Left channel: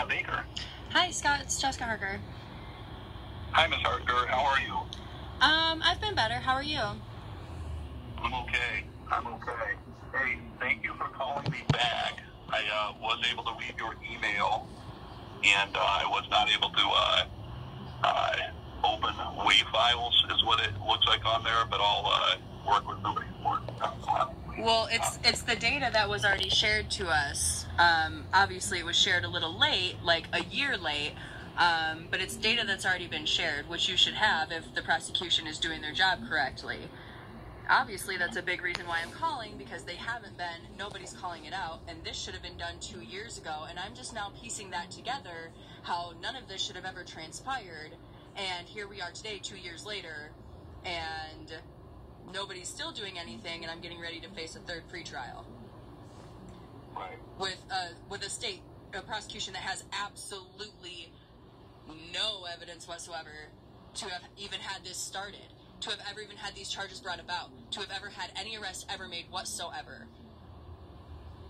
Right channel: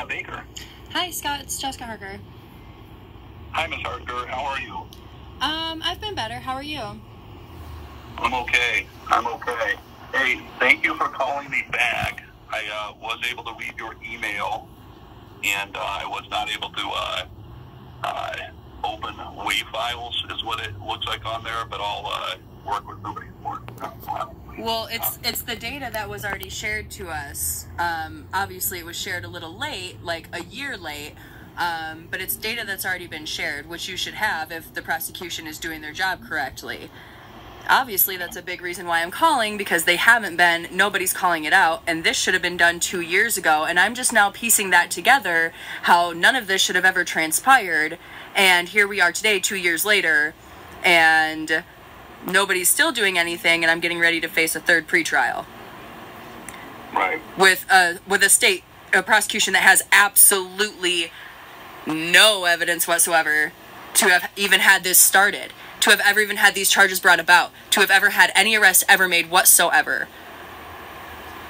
Scott Baker. Hi, Scott. It's Jessica Harker. Hi, Ms. Hartger. How are you? I've been better. How are you? I'm okay. Hey, thank you for calling me back. I was able to read your email, and I was not able to open WAV files, is what it looks like on there, but I'll work with somebody for it. Well, it's the data that was already shared to us. Obviously, it was shared a little late, like a year late, but it's data that's already been shared, which you should have if the prosecution is doing their job correctly. Obviously, that's a big reason why I'm calling, because they haven't been, nobody's calling it out, and this should have been done 2 years ago, and I'm just now piecing that together, how none of this should have ever transpired, and here we are today, 2 years later, and nobody's still doing anything, and I'm getting ready to face a third pretrial. Right. With a prosecution that has absolutely no evidence whatsoever to have even had this started, to have ever even had these charges brought about, to have ever had any arrest ever made whatsoever.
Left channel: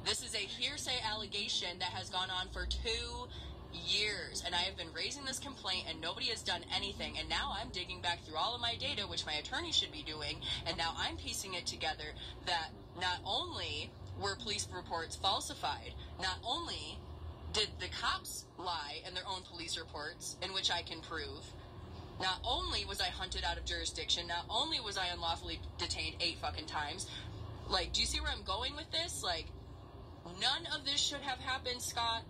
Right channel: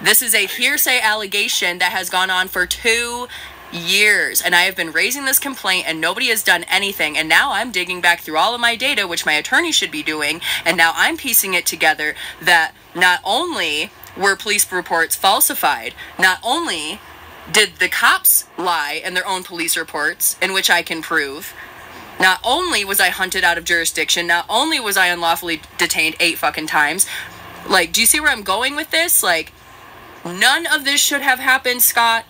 This is a hearsay allegation that has gone on for 2 years, and I have been raising this complaint and nobody has done anything, and now I'm digging back through all of my data, which my attorney should be doing, and now I'm piecing it together that not only were police reports falsified, not only did the cops lie in their own police reports, in which I can prove, not only was I hunted out of jurisdiction, not only was I unlawfully detained 8 fucking times. Like, do you see where I'm going with this? Like, none of this should have happened, Scott.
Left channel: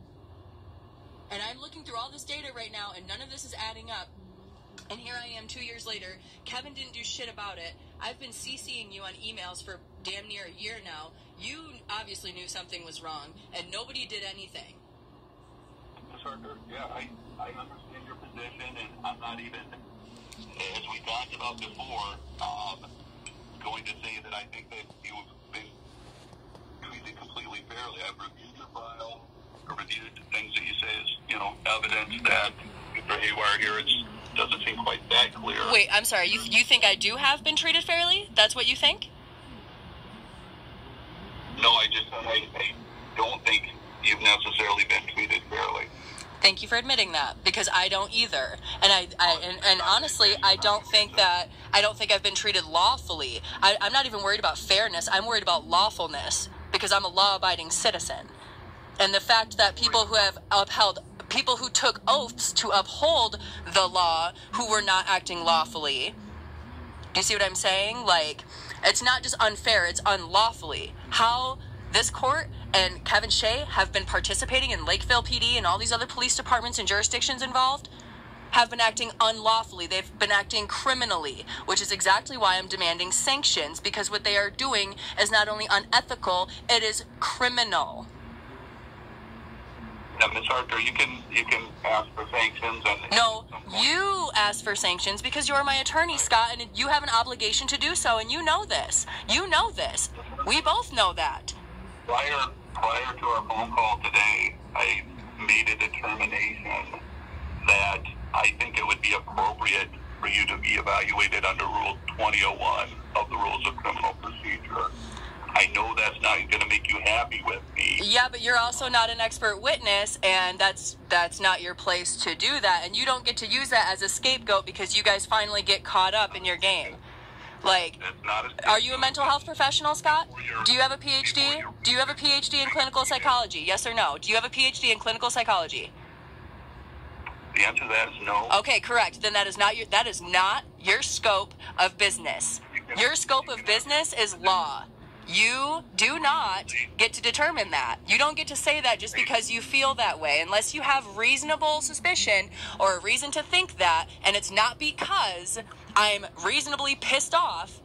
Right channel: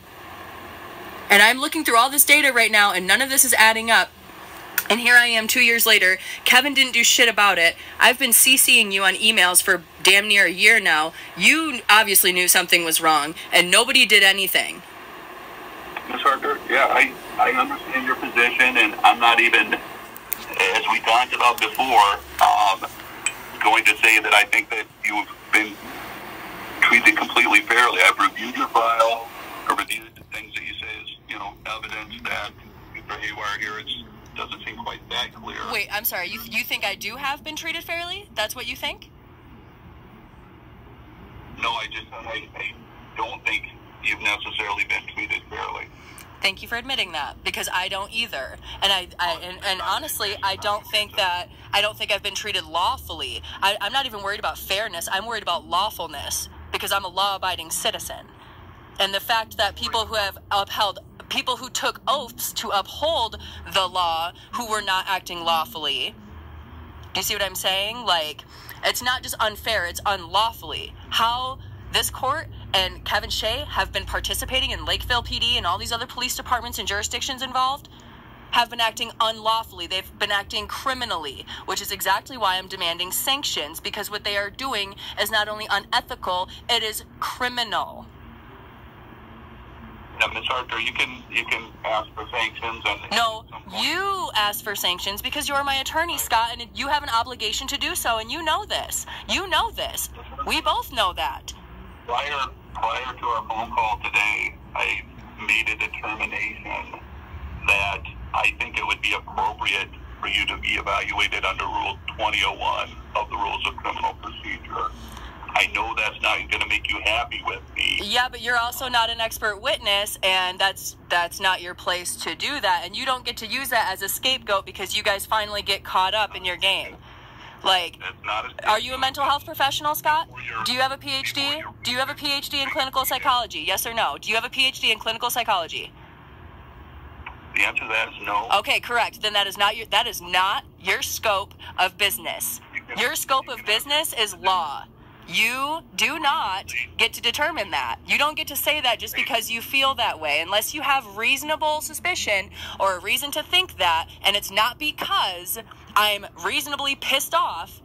And I'm looking through all this data right now, and none of this is adding up. And here I am 2 years later. Kevin didn't do shit about it. I've been CCing you on emails for damn near a year now. You obviously knew something was wrong, and nobody did anything. Ms. Harker, yeah, I understand your position, and I'm not even, as we talked about before, going to say that I think that you've been treated completely fairly. I've reviewed your file. I reviewed the things that you say is, evidence that for haywire here, it doesn't seem quite that clear. Wait, I'm sorry. You think I do have been treated fairly? That's what you think? No, I don't think you've necessarily been treated fairly. Thank you for admitting that, because I don't either. And honestly, I don't think I've been treated lawfully. I'm not even worried about fairness. I'm worried about lawfulness, because I'm a law-abiding citizen. And the fact that people who took oaths to uphold the law, who were not acting lawfully. Do you see what I'm saying? Like, it's not just unfair, it's unlawfully. How this court and Kevin Shea have been participating in Lakeville PD and all these other police departments and jurisdictions involved have been acting unlawfully. They've been acting criminally, which is exactly why I'm demanding sanctions, because what they are doing is not only unethical, it is criminal. Now, Ms. Harker, you can ask for sanctions. No, you asked for sanctions because you're my attorney, Scott, and you have an obligation to do so, and you know this. You know this. We both know that. Prior to our phone call today, I made a determination that I think it would be appropriate for you to be evaluated under Rule 2001 of the Rules of Criminal Procedure. I know that's not going to make you happy with me. Yeah, but you're also not an expert witness, and that's not your place to do that, and you don't get to use that as a scapegoat because you guys finally get caught up in your game. Like, are you a mental health professional, Scott? Do you have a PhD? Do you have a PhD in clinical psychology? Yes or no? Do you have a PhD in clinical psychology? The answer to that is no. Okay, correct. Then that is not your scope of business. Your scope of business is law. You do not get to determine that. You don't get to say that just because you feel that way, unless you have reasonable suspicion or a reason to think that, and it's not because I'm reasonably pissed off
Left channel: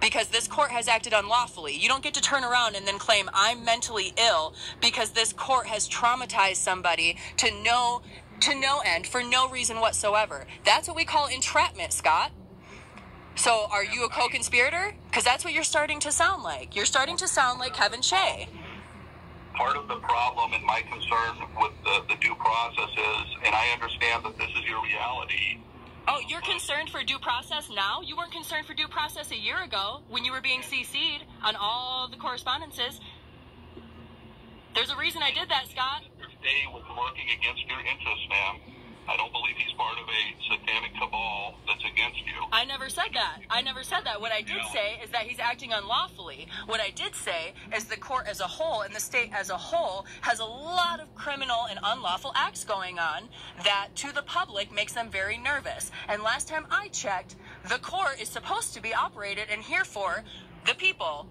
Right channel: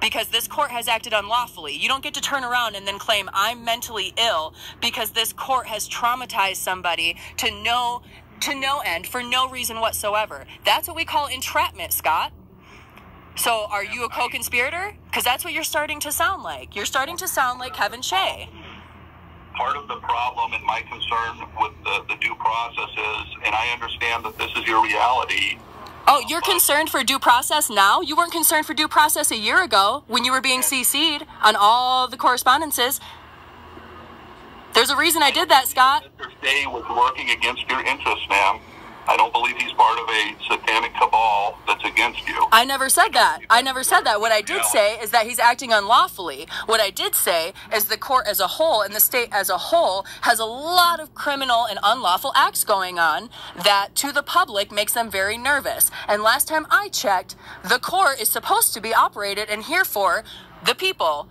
because this court has acted unlawfully. You don't get to turn around and then claim I'm mentally ill because this court has traumatized somebody to no end for no reason whatsoever. That's what we call entrapment, Scott. So are you a co-conspirator? Because that's what you're starting to sound like. You're starting to sound like Kevin Shea. Part of the problem and my concern with the due process is, and I understand that this is your reality. Oh, you're concerned for due process now? You weren't concerned for due process a year ago when you were being CC'd on all the correspondences. There's a reason I did that, Scott. Mr. Shea was working against your interests, ma'am. I don't believe he's part of a satanic cabal that's against you. I never said that. I never said that. What I did say is that he's acting unlawfully. What I did say is the court as a whole and the state as a whole has a lot of criminal and unlawful acts going on that to the public makes them very nervous. And last time I checked, the court is supposed to be operated and here for the people.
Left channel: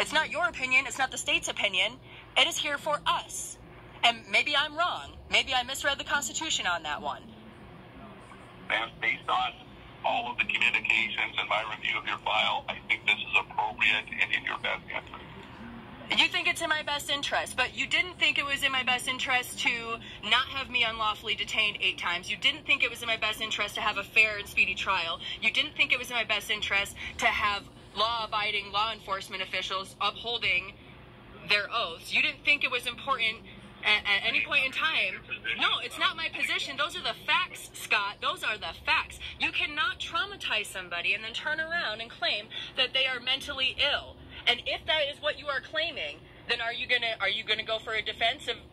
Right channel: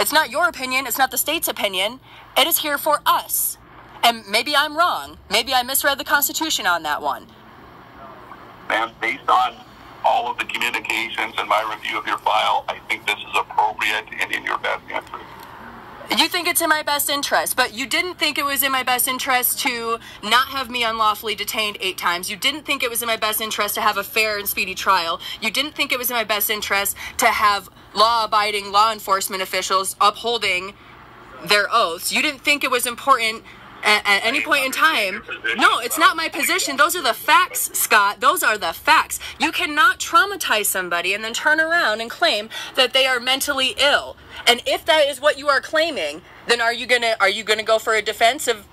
It's not your opinion. It's not the state's opinion. It is here for us. And maybe I'm wrong. Maybe I misread the Constitution on that one. Ma'am, based on all of the communications and my review of your file, I think this is appropriate and in your best interest. You think it's in my best interest, but you didn't think it was in my best interest to not have me unlawfully detained 8 times. You didn't think it was in my best interest to have a fair and speedy trial. You didn't think it was in my best interest to have law-abiding law enforcement officials upholding their oaths. You didn't think it was important at any point in time. No, it's not my position. Those are the facts, Scott. Those are the facts. You cannot traumatize somebody and then turn around and claim that they are mentally ill. And if that is what you are claiming, then are you gonna go for a defense of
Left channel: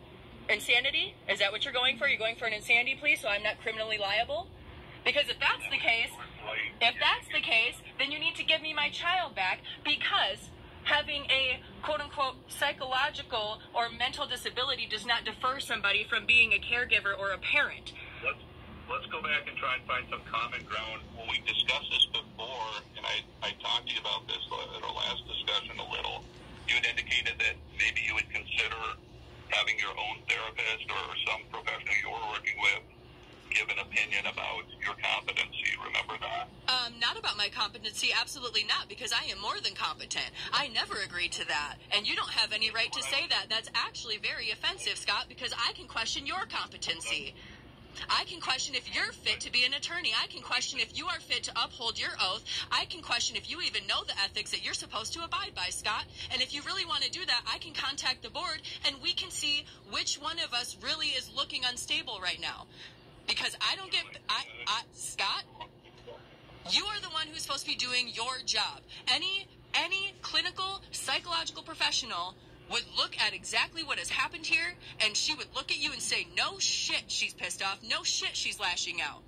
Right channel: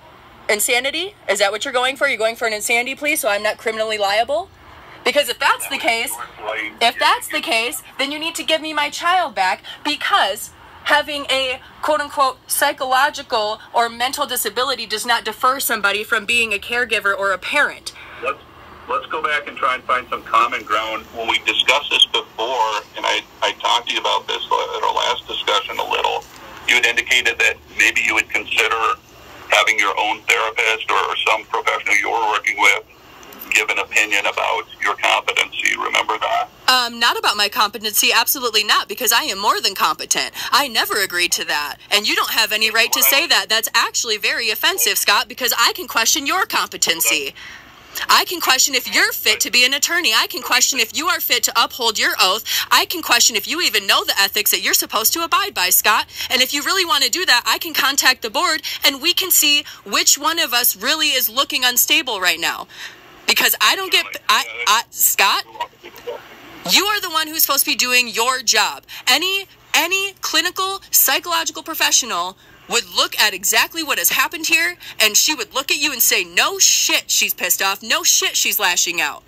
insanity? Is that what you're going for? You're going for an insanity plea so I'm not criminally liable? Because if that's the case, then you need to give me my child back, because having a quote-unquote psychological or mental disability does not defer somebody from being a caregiver or a parent. Let's go back and try and find some common ground. When we discussed this before, and I talked to you about this at our last discussion a little, you had indicated that maybe you would consider having your own therapist or some professional you were working with give an opinion about your competency. Remember that? Not about my competency, absolutely not, because I am more than competent. I never agreed to that, and you don't have any right to say that. That's actually very offensive, Scott, because I can question your competency. I can question if you're fit to be an attorney. I can question if you are fit to uphold your oath. I can question if you even know the ethics that you're supposed to abide by, Scott. And if you really want to do that, I can contact the board, and we can see which one of us really is looking unstable right now. Because I don't get, Scott, you are the one who's supposed to be doing your job. Any clinical, psychological professional would look at exactly what has happened here, and she would look at you and say, no shit, she's pissed off. No shit, she's lashing out.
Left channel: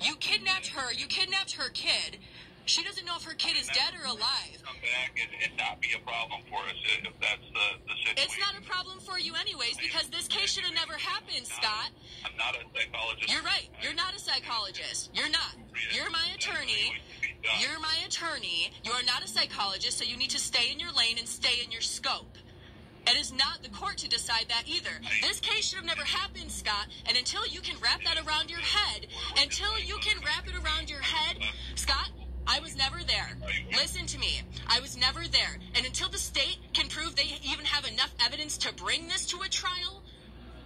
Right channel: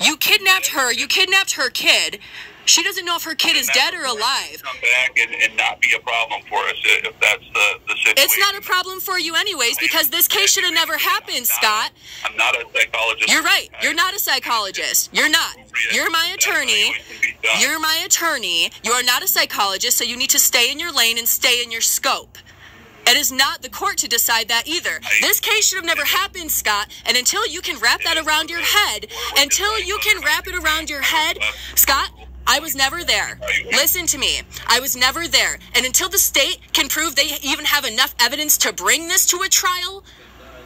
You kidnapped her. You kidnapped her kid. She doesn't know if her kid is dead or alive. Come back and not be a problem for us if that's the situation. It's not a problem for you anyways, because this case should have never happened, Scott. I'm not a psychologist. You're right. You're not a psychologist. You're not. You're my attorney. You're my attorney. You are not a psychologist, so you need to stay in your lane and stay in your scope. It is not the court to decide that either. This case should have never happened, Scott, and until you can wrap that around your head, Scott, I was never there. Listen to me. I was never there. And until the state can prove they even have enough evidence to bring this to a trial,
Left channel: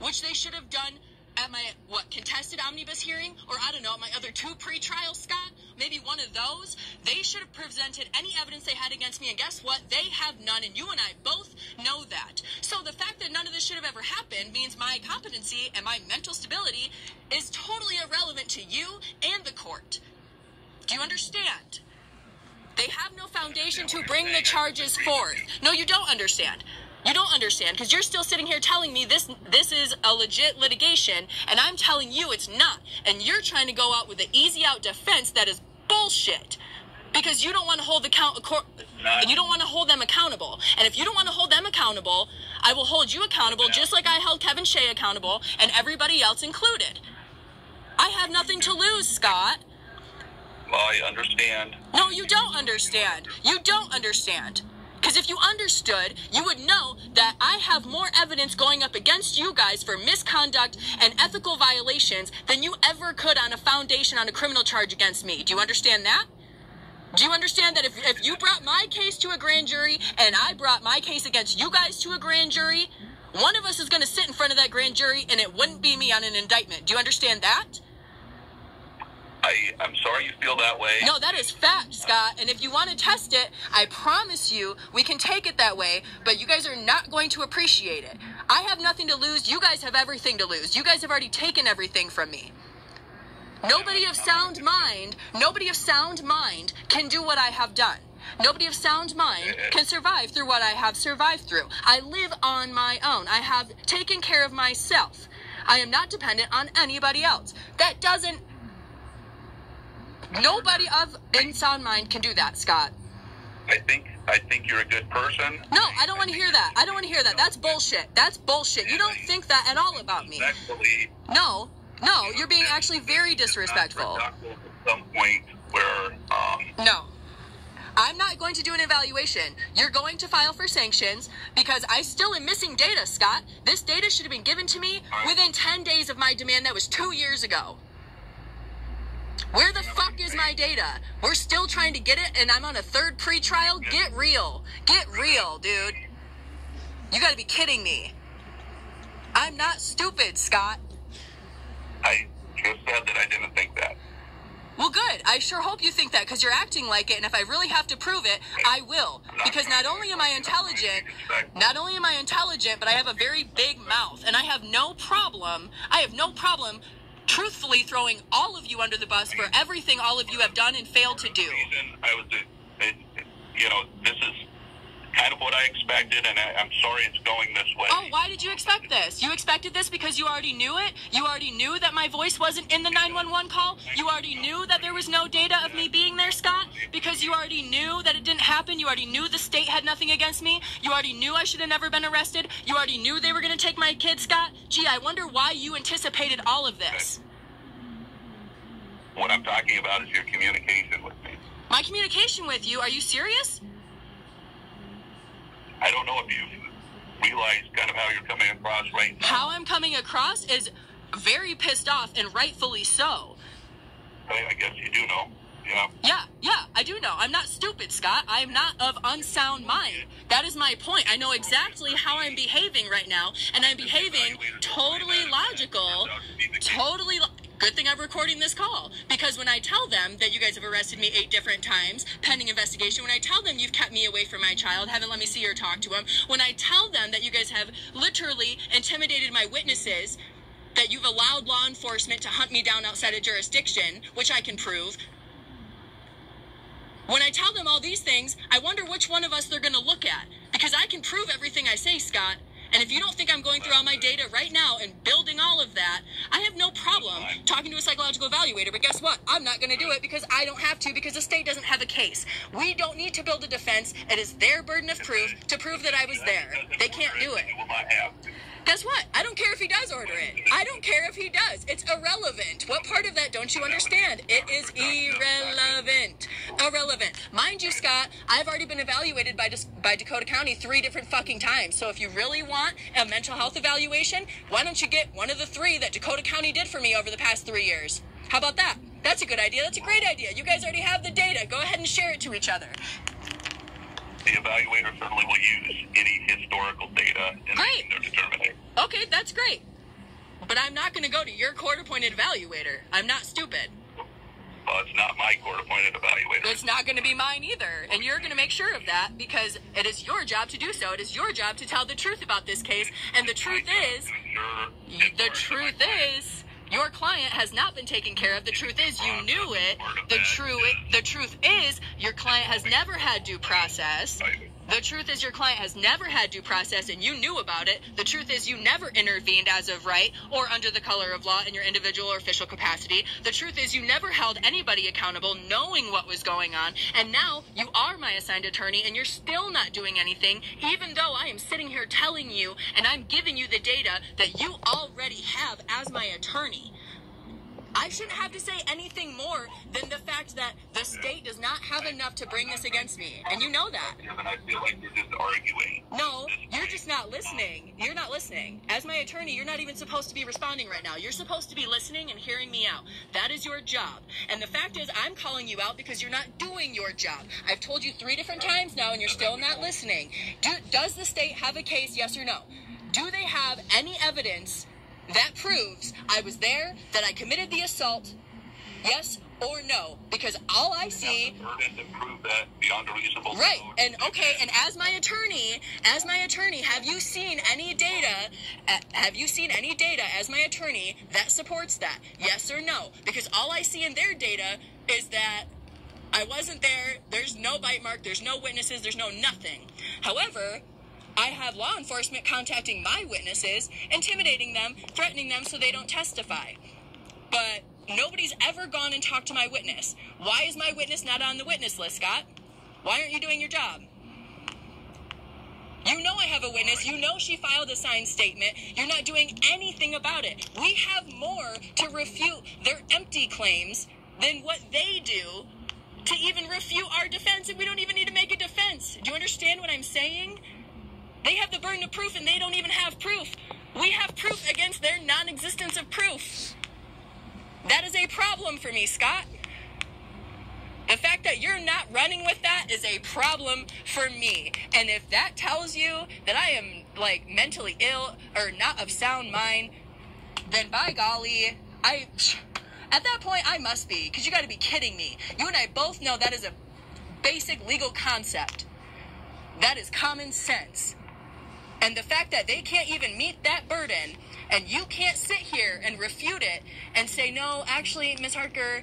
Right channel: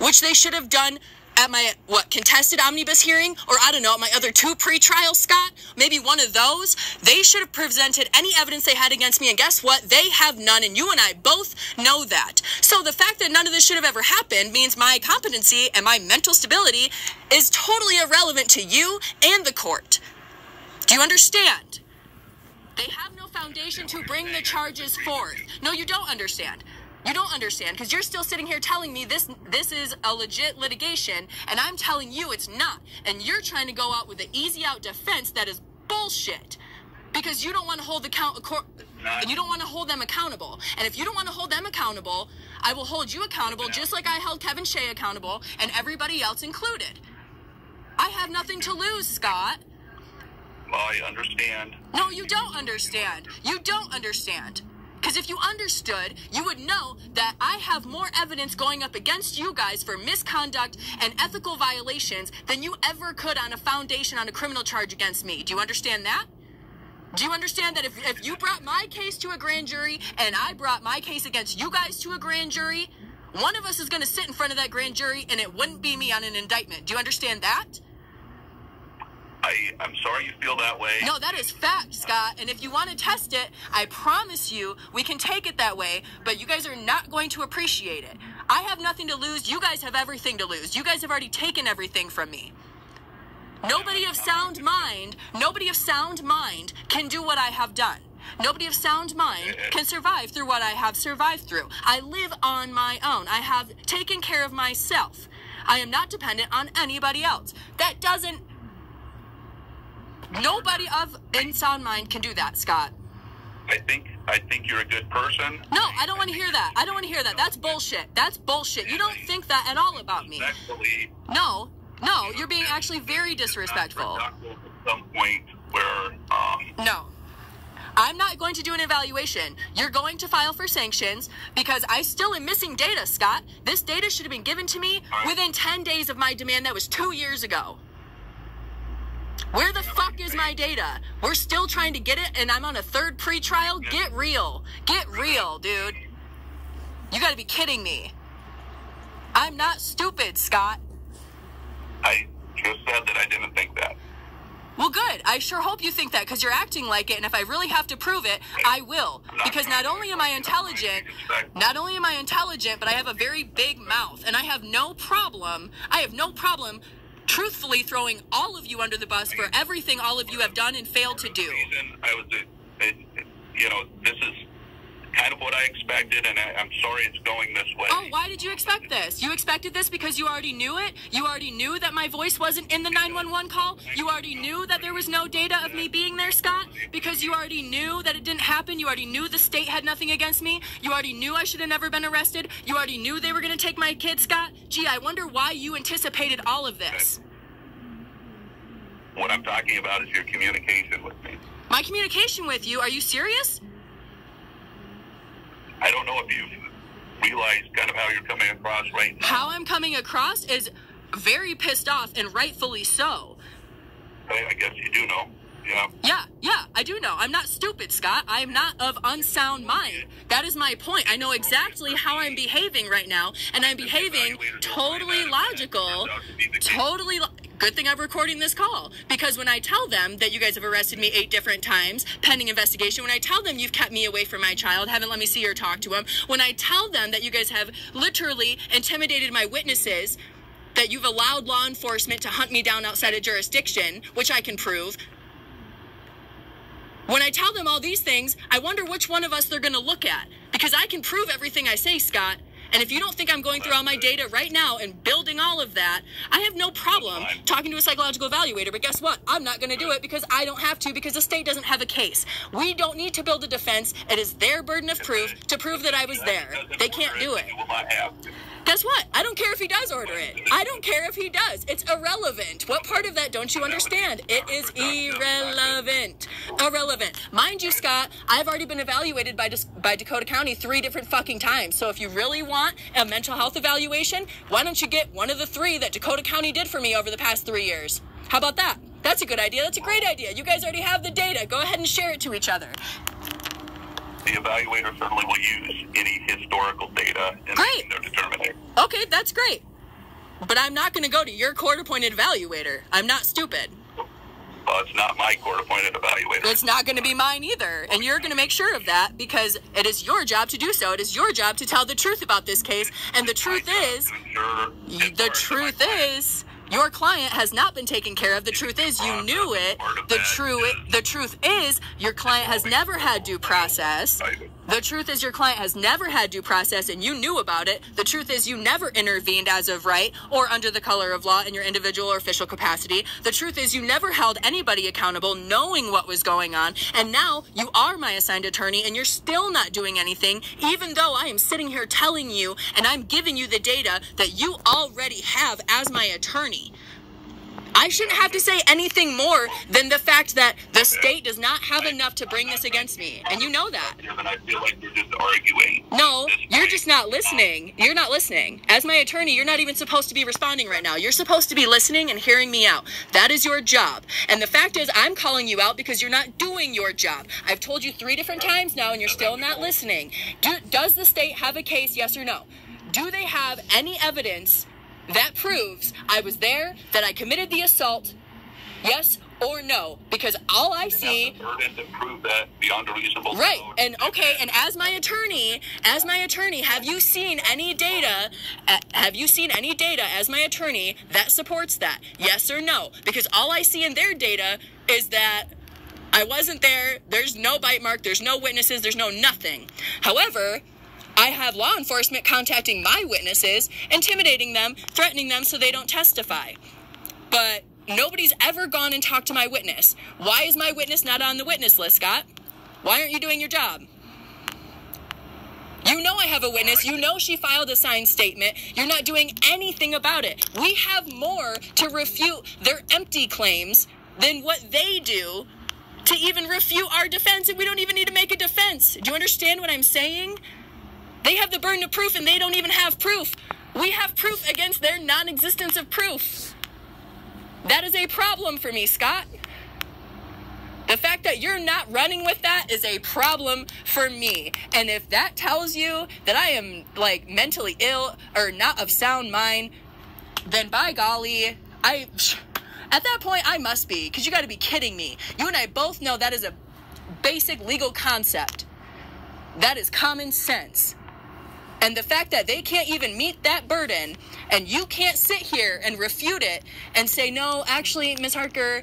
which they should have done at my, contested omnibus hearing, or I don't know, my other 2 pre-trials, Scott, maybe one of those, they should have presented any evidence they had against me, and guess what? They have none, and you and I both know that. So the fact that none of this should have ever happened means my competency and my mental stability is totally irrelevant to you and the court. Do you understand? They have no foundation to bring the charges forth. No, you don't understand. You don't understand, because you're still sitting here telling me this is a legit litigation, and I'm telling you it's not. And you're trying to go out with an easy out defense that is bullshit, because you don't want to hold you don't want to hold them accountable. And if you don't want to hold them accountable, I will hold you accountable just like I held Kevin Shea accountable, and everybody else included. I have nothing to lose, Scott. Well, I understand. No, you don't understand. You don't understand. Because if you understood, you would know that I have more evidence going up against you guys for misconduct and ethical violations than you ever could on a foundation on a criminal charge against me. Do you understand that? Do you understand that if you brought my case to a grand jury and I brought my case against you guys to a grand jury, one of us is going to sit in front of that grand jury and it wouldn't be me on an indictment. Do you understand that? I'm sorry you feel that way. No, that is fact, Scott. And if you want to test it, I promise you we can take it that way, but you guys are not going to appreciate it. I have nothing to lose. You guys have everything to lose. You guys have already taken everything from me. Nobody of sound mind can do what I have done. Nobody of sound mind can survive through what I have survived through. I live on my own. I have taken care of myself. I am not dependent on anybody else. That doesn't... Nobody of in sound mind can do that, Scott. I think you're a good person. No, I don't want to hear that. I don't want to hear that. That's bullshit. That's bullshit. You don't think that at all about me. No, you're being actually very disrespectful. At some point where, No. I'm not going to do an evaluation. You're going to file for sanctions because I still am missing data, Scott. This data should have been given to me within 10 days of my demand. That was 2 years ago. Where the fuck is my data? We're still trying to get it, and I'm on a third pre-trial? Get real. Get real, dude. You gotta be kidding me. I'm not stupid, Scott. I just said that I didn't think that. Well, good. I sure hope you think that, because you're acting like it, and if I really have to prove it, I will. Because not only am I intelligent, but I have a very big mouth, and I have no problem truthfully throwing all of you under the bus for everything all of you have done and failed to do. This is kind of what I expected, and I'm sorry it's going this way. Oh, why did you expect this? You expected this because you already knew it? You already knew that my voice wasn't in the 911 call? You already knew that there was no data of me being there, Scott? Because you already knew that it didn't happen? You already knew the state had nothing against me? You already knew I should have never been arrested? You already knew they were going to take my kid, Scott? Gee, I wonder why you anticipated all of this. What I'm talking about is your communication with me. My communication with you? Are you serious? I don't know if you've realized kind of how you're coming across right now. How I'm coming across is very pissed off, and rightfully so. I guess you do know. Yeah, I do know. I'm not stupid, Scott. I am not of unsound mind. That is my point. I know exactly how I'm behaving right now, and I'm behaving totally logical, Good thing I'm recording this call, because when I tell them that you guys have arrested me 8 different times, pending investigation, when I tell them you've kept me away from my child, haven't let me see or talk to him, when I tell them that you guys have literally intimidated my witnesses, that you've allowed law enforcement to hunt me down outside of jurisdiction, which I can prove, when I tell them all these things, I wonder which one of us they're going to look at, because I can prove everything I say, Scott. And if you don't think I'm going through all my data right now and building all of that, I have no problem talking to a psychological evaluator. But guess what? I'm not going to do it because I don't have to, because the state doesn't have a case. We don't need to build a defense. It is their burden of proof to prove that I was there. They can't do it. Guess what? I don't care if he does order it. I don't care if he does. It's irrelevant. What part of that don't you understand? It is irrelevant. Irrelevant. Mind you, Scott, I've already been evaluated by Dakota County 3 different fucking times. So if you really want a mental health evaluation, why don't you get one of the 3 that Dakota County did for me over the past 3 years? How about that? That's a good idea. That's a great idea. You guys already have the data. Go ahead and share it to each other. The evaluator certainly will use any historical data in their determination. Okay, that's great. But I'm not going to go to your court-appointed evaluator. I'm not stupid. Well, it's not my court-appointed evaluator. It's not going to be mine either. And you're going to make sure of that, because it is your job to do so. It is your job to tell the truth about this case. And the truth is, your client has not been taken care of. The truth is, you knew it. The truth is, your client has never had due process. The truth is, your client has never had due process, and you knew about it. The truth is, you never intervened as of right or under the color of law in your individual or official capacity. The truth is, you never held anybody accountable knowing what was going on, and now you are my assigned attorney, and you're still not doing anything, even though I am sitting here telling you, and I'm giving you the data that you already have as my attorney. I shouldn't have to say anything more than the fact that the state does not have enough to bring this against me. And you know that. I feel like you're just arguing. No, you're just not listening. You're not listening. As my attorney, you're not even supposed to be responding right now. You're supposed to be listening and hearing me out. That is your job. And the fact is, I'm calling you out because you're not doing your job. I've told you 3 different times now, and you're still not listening. Does the state have a case, yes or no? Do they have any evidence that proves I was there, that I committed the assault, yes or no? Because all I see... The burden to prove that beyond a reasonable doubt. Right, and okay, and as my attorney, have you seen any data, as my attorney that supports that? Yes or no? Because all I see in their data is that I wasn't there. There's no bite mark. There's no witnesses. There's no nothing. However, I have law enforcement contacting my witnesses, intimidating them, threatening them so they don't testify. But nobody's ever gone and talked to my witness. Why is my witness not on the witness list, Scott? Why aren't you doing your job? You know I have a witness. You know she filed a signed statement. You're not doing anything about it. We have more to refute their empty claims than what they do to even refute our defense, and we don't even need to make a defense. Do you understand what I'm saying? They have the burden of proof, and they don't even have proof. We have proof against their non-existence of proof. That is a problem for me, Scott. The fact that you're not running with that is a problem for me. And if that tells you that I am, like, mentally ill or not of sound mind, then by golly, at that point, I must be, because you got to be kidding me. You and I both know that is a basic legal concept. That is common sense. And the fact that they can't even meet that burden, and you can't sit here and refute it and say, no, actually, Ms. Hartger,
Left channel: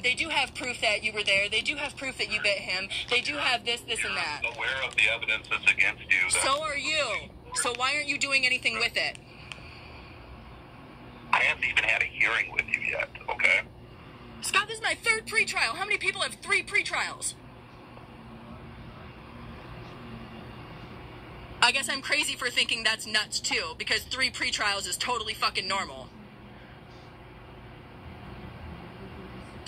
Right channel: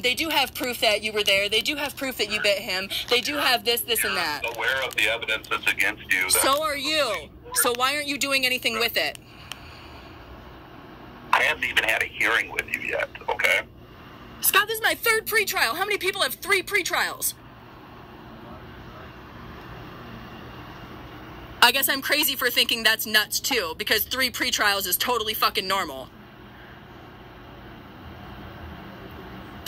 they do have proof that you were there. They do have proof that you bit him. They do have this, and that. You're aware of the evidence that's against you. So are you. So why aren't you doing anything with it? I haven't even had a hearing with you yet, okay? Scott, this is my 3rd pretrial. How many people have 3 pretrials? I guess I'm crazy for thinking that's nuts too, because 3 pretrials is totally fucking normal.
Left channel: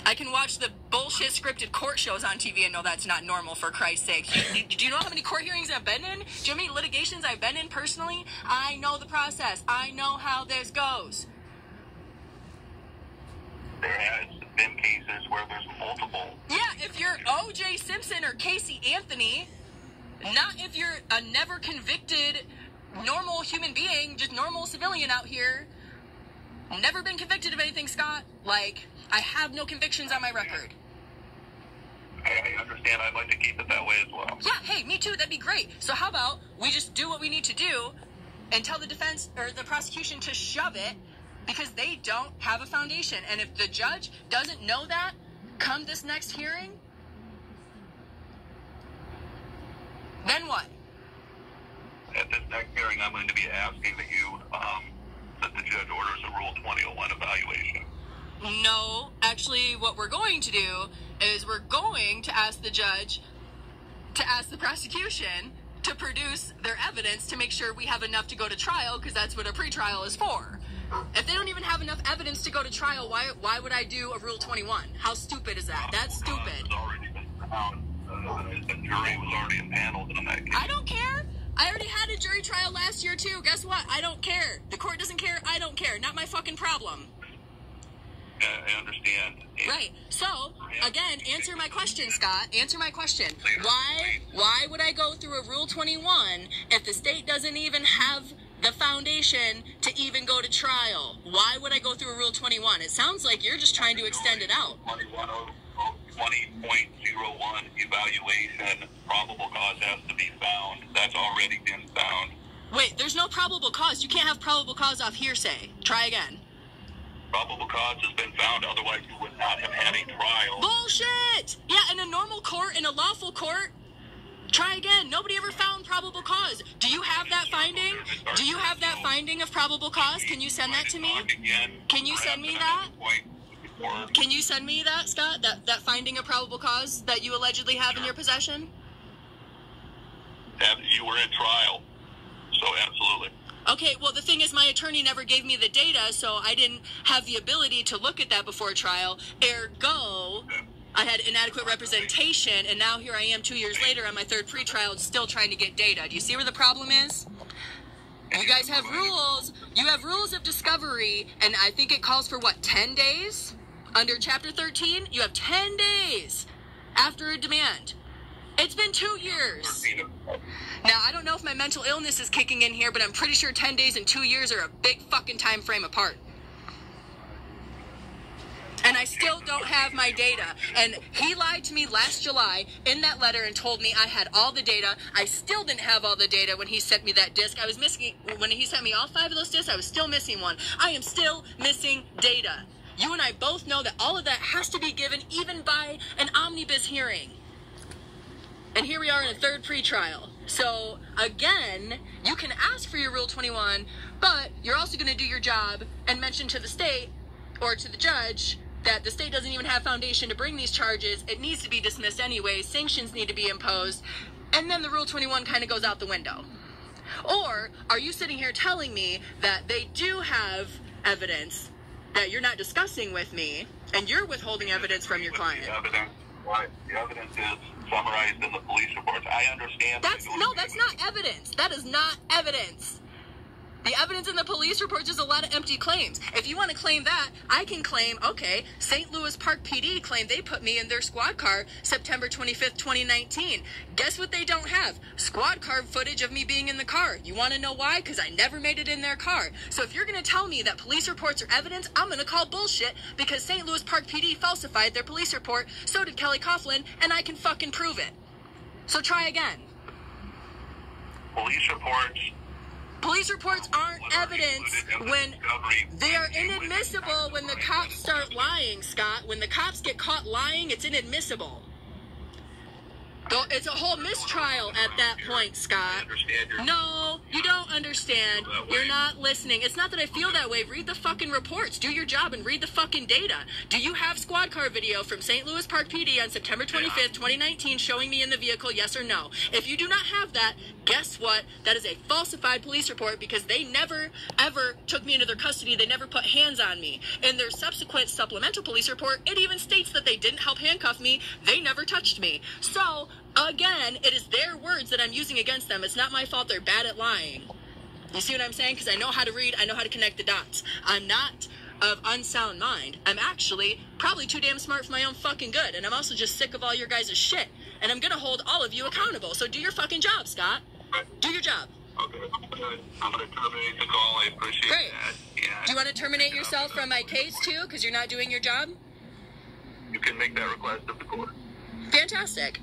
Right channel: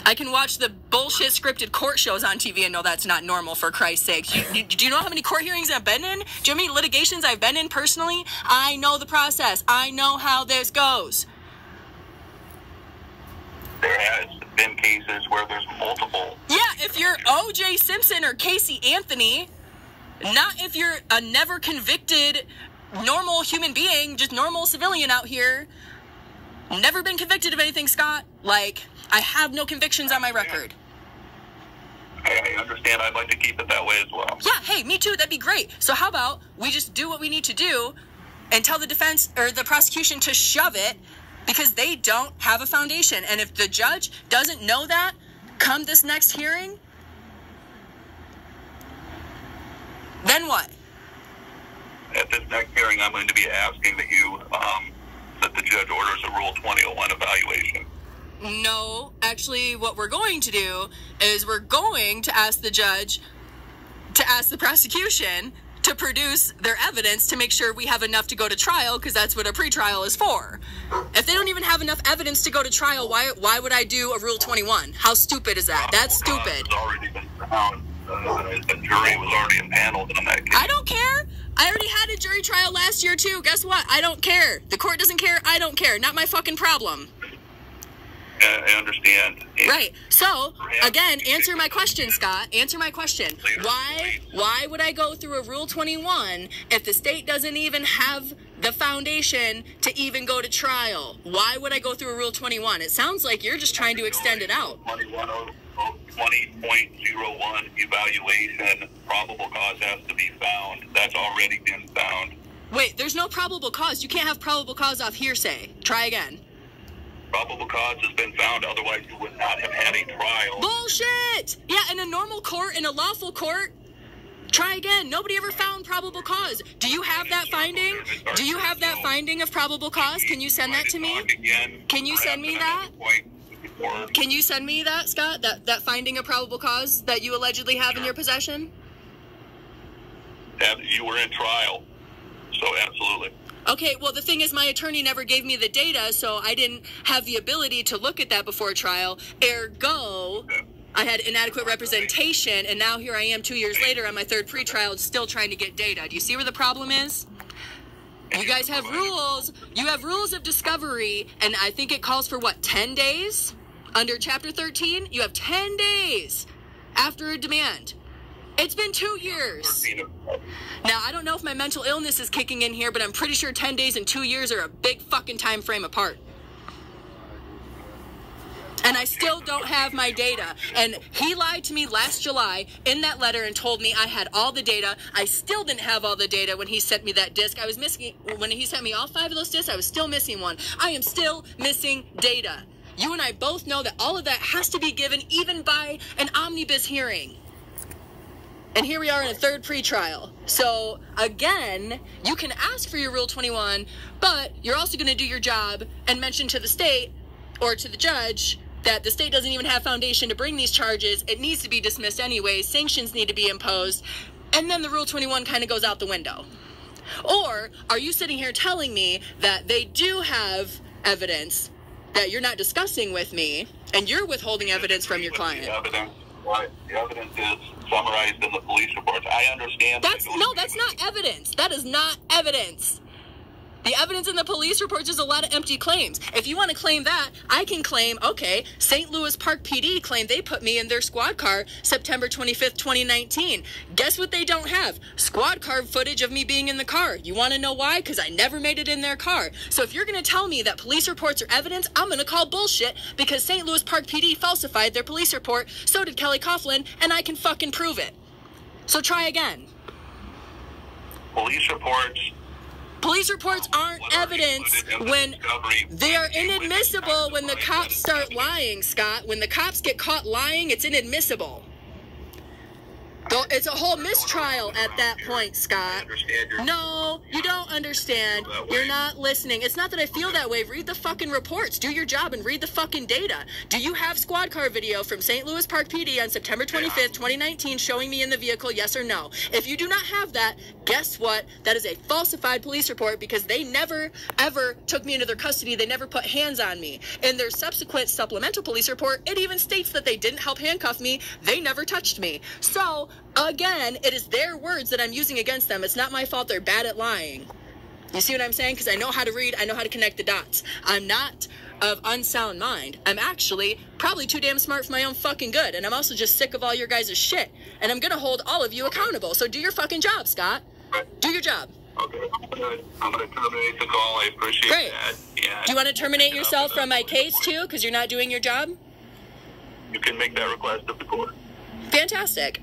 I can watch the bullshit scripted court shows on TV and know that's not normal, for Christ's sake. Do you know how many court hearings I've been in? Do you know how many litigations I've been in personally? I know the process. I know how this goes. There has been cases where there's multiple. Yeah, if you're O.J. Simpson or Casey Anthony, not if you're a never convicted normal human being, just normal civilian out here, never been convicted of anything, Scott. Like, I have no convictions on my record. I understand. I'd like to keep it that way as well. Yeah, hey, me too. That'd be great. So how about we just do what we need to do and tell the defense or the prosecution to shove it, because they don't have a foundation. And if the judge doesn't know that, come this next hearing, then what? At this next hearing, I'm going to be asking that you, that the judge orders a Rule 2001 evaluation. No, actually, what we're going to do is we're going to ask the judge to ask the prosecution to produce their evidence to make sure we have enough to go to trial, because that's what a pretrial is for. If they don't even have enough evidence to go to trial, why would I do a Rule 21? How stupid is that? That's stupid. It's already been found. The jury was already impaneled on that case. I don't care. I already had a jury trial last year, too. Guess what? I don't care. The court doesn't care. I don't care. Not my fucking problem. I understand. Right. So, again, answer my question, Scott. Answer my question. Why would I go through a Rule 21 if the state doesn't even have the foundation to even go to trial? Why would I go through a Rule 21? It sounds like you're just trying to extend it out. 20.01 evaluation, probable cause has to be found. That's already been found. Wait, there's no probable cause. You can't have probable cause off hearsay. Try again. Probable cause has been found, otherwise you would not have had a trial. Bullshit! Yeah, in a normal court, in a lawful court, try again. Nobody ever found probable cause. Do you have that finding? Do you have that finding of probable cause? Can you send that to me? Can you send me that? Can you send me that, Scott? That finding of probable cause that you allegedly have in your possession? You were in trial, so absolutely. Okay, well, the thing is, my attorney never gave me the data, so I didn't have the ability to look at that before trial. Ergo, I had inadequate representation, and now here I am 2 years later on my 3rd pretrial still trying to get data. Do you see where the problem is? You guys have rules. You have rules of discovery, and I think it calls for, what, 10 days? Under Chapter 13, you have 10 days after a demand. It's been 2 years. Now, I don't know if my mental illness is kicking in here, but I'm pretty sure 10 days and 2 years are a big fucking time frame apart. And I still don't have my data. And he lied to me last July in that letter and told me I had all the data. I still didn't have all the data when he sent me that disc. I was missing, when he sent me all 5 of those discs, I was still missing one. I am still missing data. You and I both know that all of that has to be given even by an omnibus hearing. And here we are in a third pretrial. So, again, you can ask for your Rule 21, but you're also going to do your job and mention to the state or to the judge that the state doesn't even have foundation to bring these charges. It needs to be dismissed anyways. Sanctions need to be imposed. And then the Rule 21 kind of goes out the window. Or are you sitting here telling me that they do have evidence that you're not discussing with me and you're withholding evidence from your client? The evidence is summarized in the police reports. I understand. That's not evidence. That is not evidence. The evidence in the police reports is a lot of empty claims. If you want to claim that, I can claim, okay, St. Louis Park PD claimed they put me in their squad car September 25th, 2019. Guess what they don't have? Squad car footage of me being in the car. You want to know why? Because I never made it in their car. So if you're going to tell me that police reports are evidence, I'm going to call bullshit because St. Louis Park PD falsified their police report, so did Kelly Coughlin, and I can fucking prove it. So try again. Police reports aren't evidence when they are inadmissible when the cops start lying, Scott. When the cops get caught lying, it's inadmissible. It's a whole mistrial at that point, Scott. No, you don't understand. You're not listening. It's not that I feel that way. Read the fucking reports. Do your job and read the fucking data. Do you have squad car video from St. Louis Park PD on September 25th, 2019 showing me in the vehicle, yes or no? If you do not have that, guess what? That is a falsified police report because they never, ever took me into their custody. They never put hands on me. In their subsequent supplemental police report, it even states that they didn't help handcuff me. They never touched me. So, again, it is their words that I'm using against them. It's not my fault they're bad at lying. You see what I'm saying? Because I know how to read. I know how to connect the dots. I'm not of unsound mind. I'm actually probably too damn smart for my own fucking good. And I'm also just sick of all your guys' shit. And I'm going to hold all of you accountable. So do your fucking job, Scott. Do your job. Okay, I'm going to terminate the call. I appreciate that. Yeah. Do you want to terminate yourself from my case, too? Because you're not doing your job? You can make that request of the court. Fantastic.